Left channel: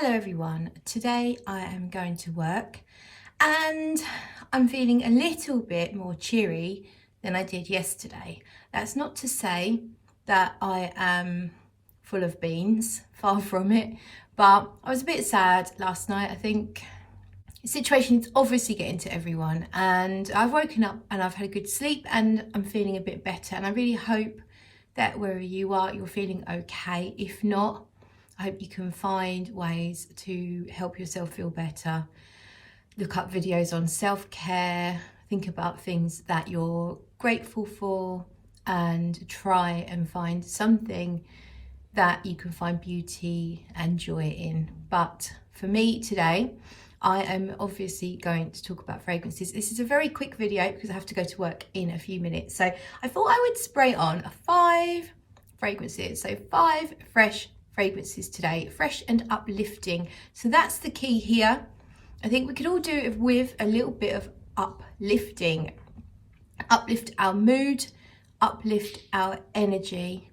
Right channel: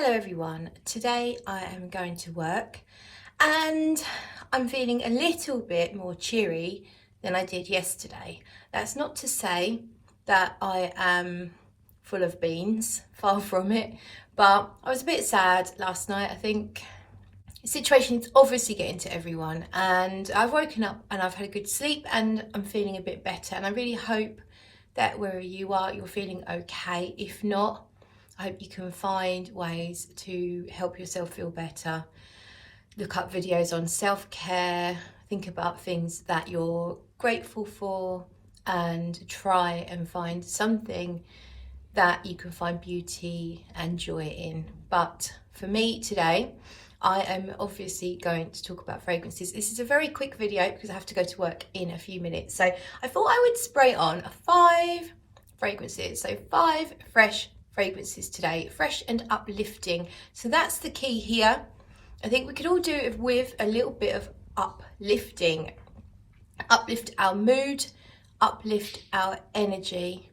Hello everyone, today I am going to work and I'm feeling a little bit more cheery than I did yesterday. That's not to say that I am full of beans, far from it, but I was a bit sad last night. I think the situation is obviously getting to everyone, and I've woken up and I've had a good sleep and I'm feeling a bit better, and I really hope that wherever you are, you're feeling okay. If not, I hope you can find ways to help yourself feel better. Look up videos on self-care, think about things that you're grateful for, and try and find something that you can find beauty and joy in. But for me today, I am obviously going to talk about fragrances. This is a very quick video because I have to go to work in a few minutes. So I thought I would spray on 5 fragrances. So 5 fresh fragrances today, fresh and uplifting. So that's the key here. I think we could all do it with a little bit of uplifting. Uplift our mood, uplift our energy.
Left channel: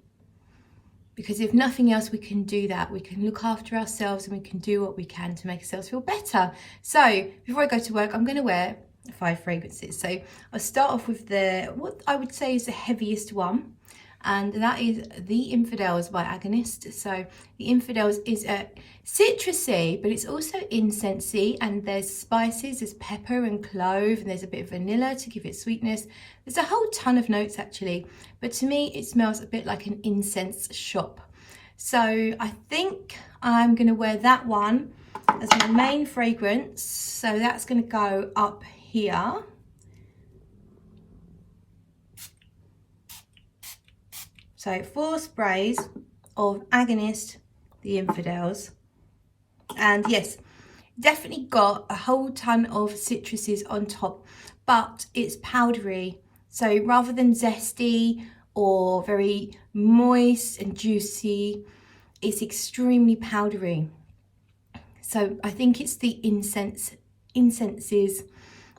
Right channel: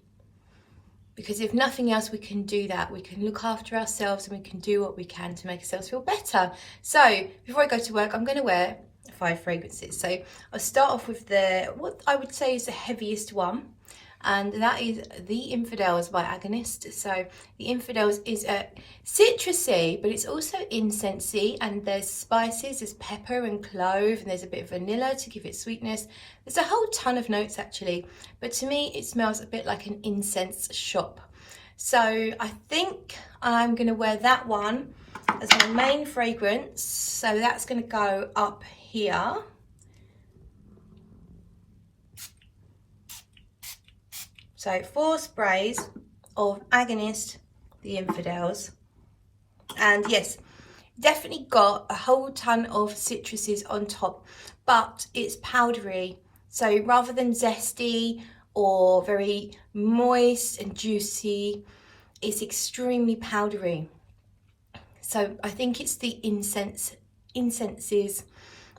Because if nothing else, we can do that. We can look after ourselves and we can do what we can to make ourselves feel better. So before I go to work, I'm going to wear 5 fragrances. So I'll start off with what I would say is the heaviest one. And that is The Infidels by Agonist. So The Infidels is a citrusy, but it's also incensey, and there's spices, there's pepper and clove, and there's a bit of vanilla to give it sweetness. There's a whole ton of notes actually, but to me it smells a bit like an incense shop. So I think I'm going to wear that one as my main fragrance. So that's going to go up here. So 4 sprays of Agonist The Infidels. And yes, definitely got a whole ton of citruses on top, but it's powdery. So rather than zesty or very moist and juicy, it's extremely powdery. So I think it's the incenses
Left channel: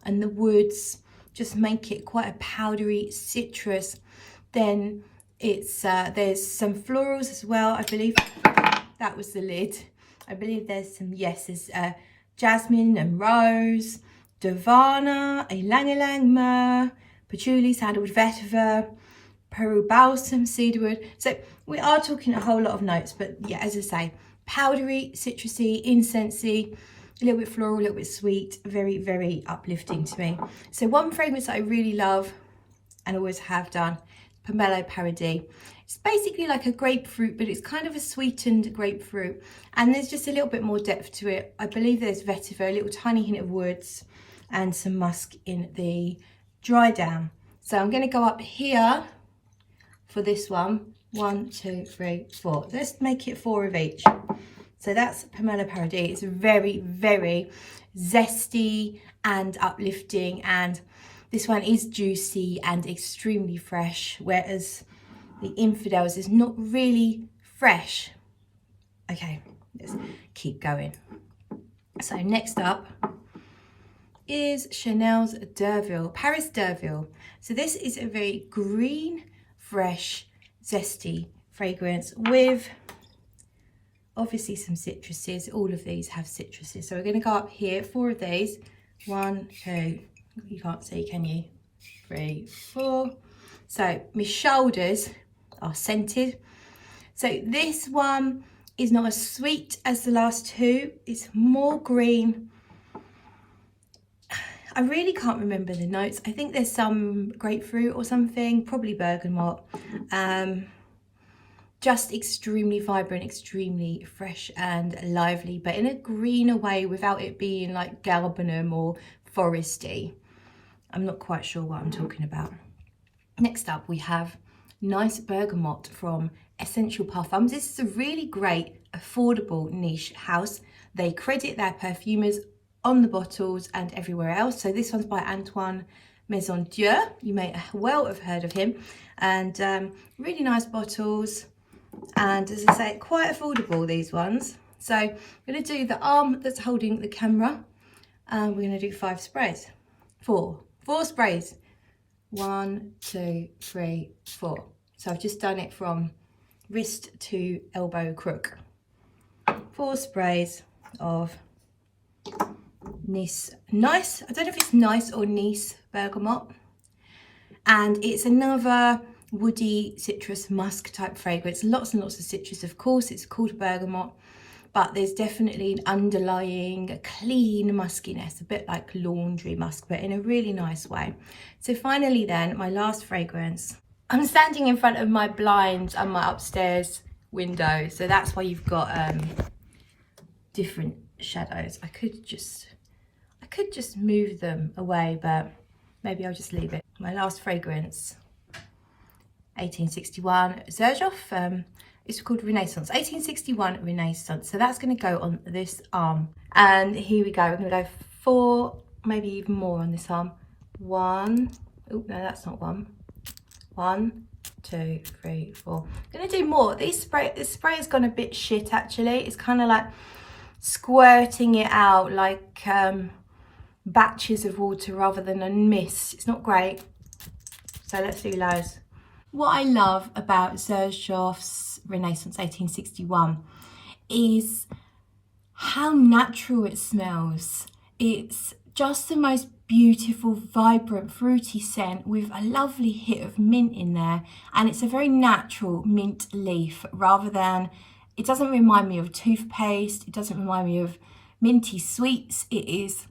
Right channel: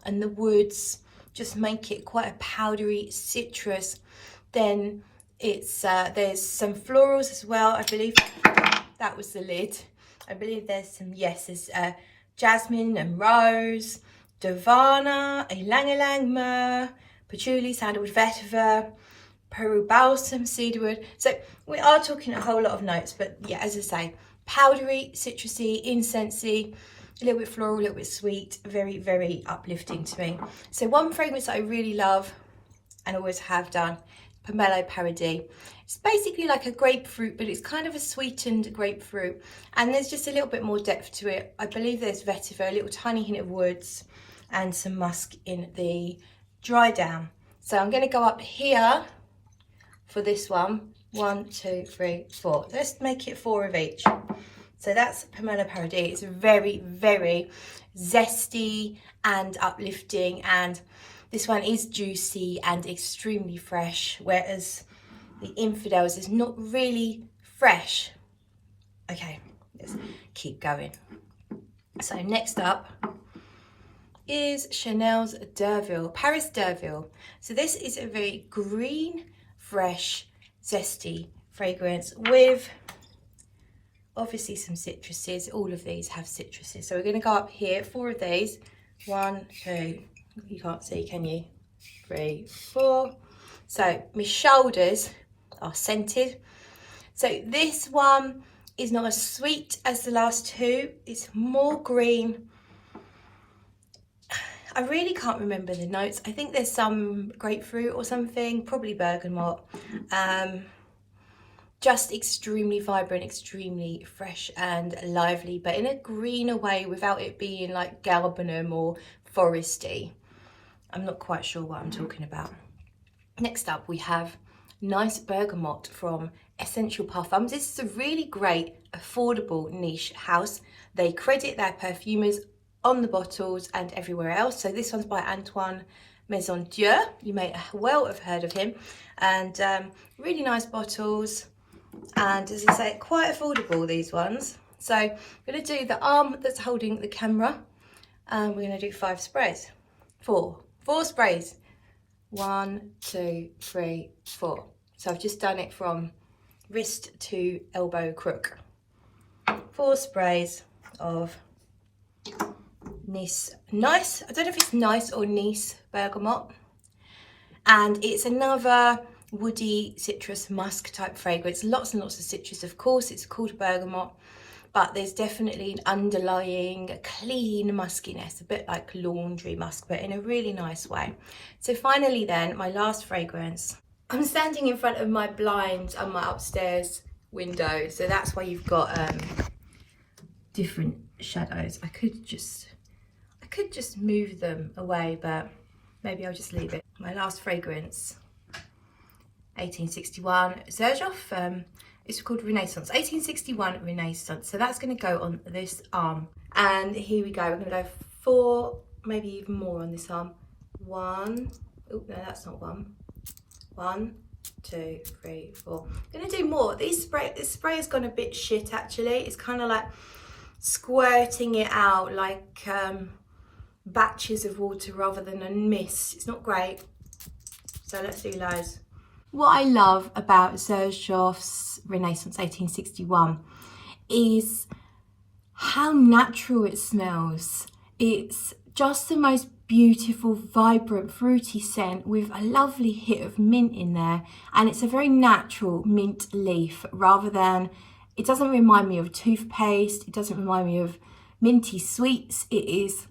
and the woods just make it quite a powdery citrus. Then it's there's some florals as well. I believe that was the lid. I believe there's some, yes, there's jasmine and rose, davana, ylang ylang myrrh, patchouli, sandalwood, vetiver, Peru balsam, cedarwood. So we are talking a whole lot of notes, but yeah, as I say, powdery, citrusy, incensey, a little bit floral, a little bit sweet, very, very uplifting to me. So one fragrance that I really love and always have done, Pomelo Paradis. It's basically like a grapefruit, but it's kind of a sweetened grapefruit, and there's just a little bit more depth to it. I believe there's vetiver, a little tiny hint of woods, and some musk in the dry down. So I'm going to go up here for this one. 1, 2, 3, 4. Let's make it 4 of each. So that's Pomelo Paradis. It's very, very zesty and uplifting, and this one is juicy and extremely fresh, whereas the Infidels is not really fresh. Okay, let's keep going. So next up is Chanel's Deauville, Paris Deauville. So this is a very green, fresh, zesty fragrance with obviously some citruses. All of these have citruses. So we're going to go up here, 4 of these. 1, 2, you can't see, can you? 3, 4. So my shoulders are scented. So this one is not as sweet as the last 2. It's more green. I really can't remember the notes. I think there's some grapefruit or something, probably bergamot. Just extremely vibrant, extremely fresh and lively, but in a greener way without it being like galbanum or foresty. I'm not quite sure what I'm talking about. Next up, we have Nice Bergamot from Essential Parfums. This is a really great, affordable niche house. They credit their perfumers on the bottles and everywhere else. So this one's by Antoine Maison Dieu. You may well have heard of him. And really nice bottles. And as I say, quite affordable, these ones. So I'm going to do the arm that's holding the camera. And we're going to do 5 sprays. 4 sprays. 1, 2, 3, 4. So I've just done it from wrist to elbow crook. 4 sprays. of Nice, I don't know if it's Nice or Nice Bergamot. And it's another woody citrus musk type fragrance. Lots and lots of citrus, of course. It's called Bergamot, but there's definitely an underlying clean muskiness, a bit like laundry musk, but in a really nice way. So finally then, my last fragrance. I'm standing in front of my blinds and my upstairs window, so that's why you've got different shadows. I could just move them away, but maybe I'll just leave it. My last fragrance, 1861 Xerjoff. It's called Renaissance, 1861 Renaissance. So that's going to go on this arm. And here we go. We're going to go 4, maybe even more on this arm. 1. Oh no, that's not 1. 1, 2, 3, 4. I'm going to do more. This spray has gone a bit shit actually. It's kind of like squirting it out like batches of water rather than a mist. It's not great. So let's do loads. What I love about Xerjoff's Renaissance 1861 is how natural it smells. It's just the most beautiful, vibrant, fruity scent with a lovely hit of mint in there, and it's a very natural mint leaf rather than, it doesn't remind me of toothpaste, it doesn't remind me of minty sweets. It is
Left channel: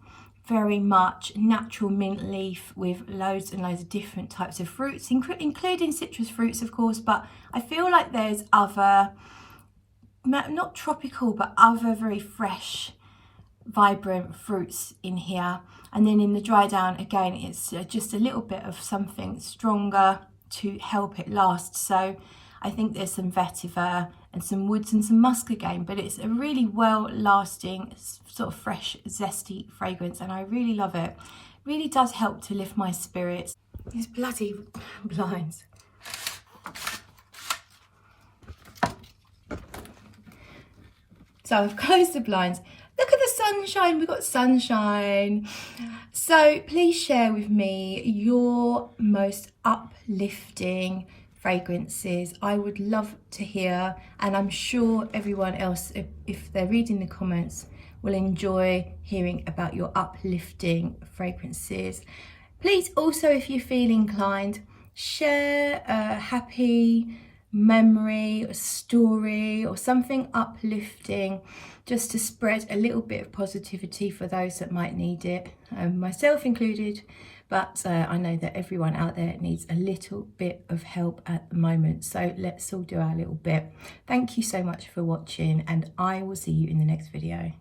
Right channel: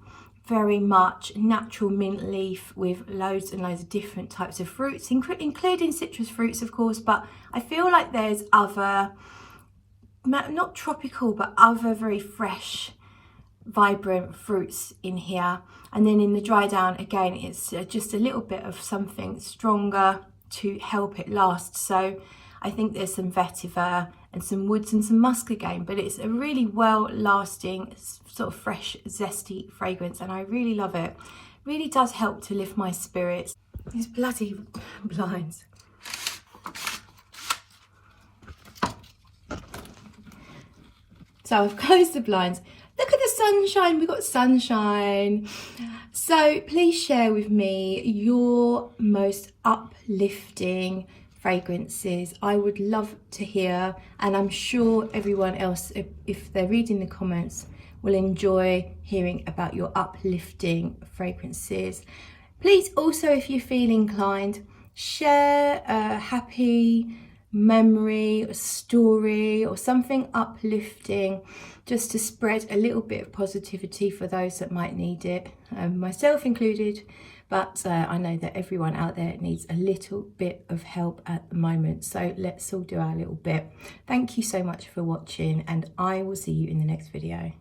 very much natural mint leaf with loads and loads of different types of fruits, including citrus fruits of course, but I feel like there's other, not tropical, but other very fresh, vibrant fruits in here. And then in the dry down, again, it's just a little bit of something stronger to help it last. So I think there's some vetiver and some woods and some musk again, but it's a really well lasting, sort of fresh, zesty fragrance, and I really love it. Really does help to lift my spirits. These bloody blinds. So I've closed the blinds. Look at the sunshine, we've got sunshine. So please share with me your most uplifting fragrances. I would love to hear, and I'm sure everyone else, if they're reading the comments, will enjoy hearing about your uplifting fragrances. Please also, if you feel inclined, share a happy memory, a story, or something uplifting, just to spread a little bit of positivity for those that might need it, myself included. But I know that everyone out there needs a little bit of help at the moment, so let's all do our little bit. Thank you so much for watching, and I will see you in the next video.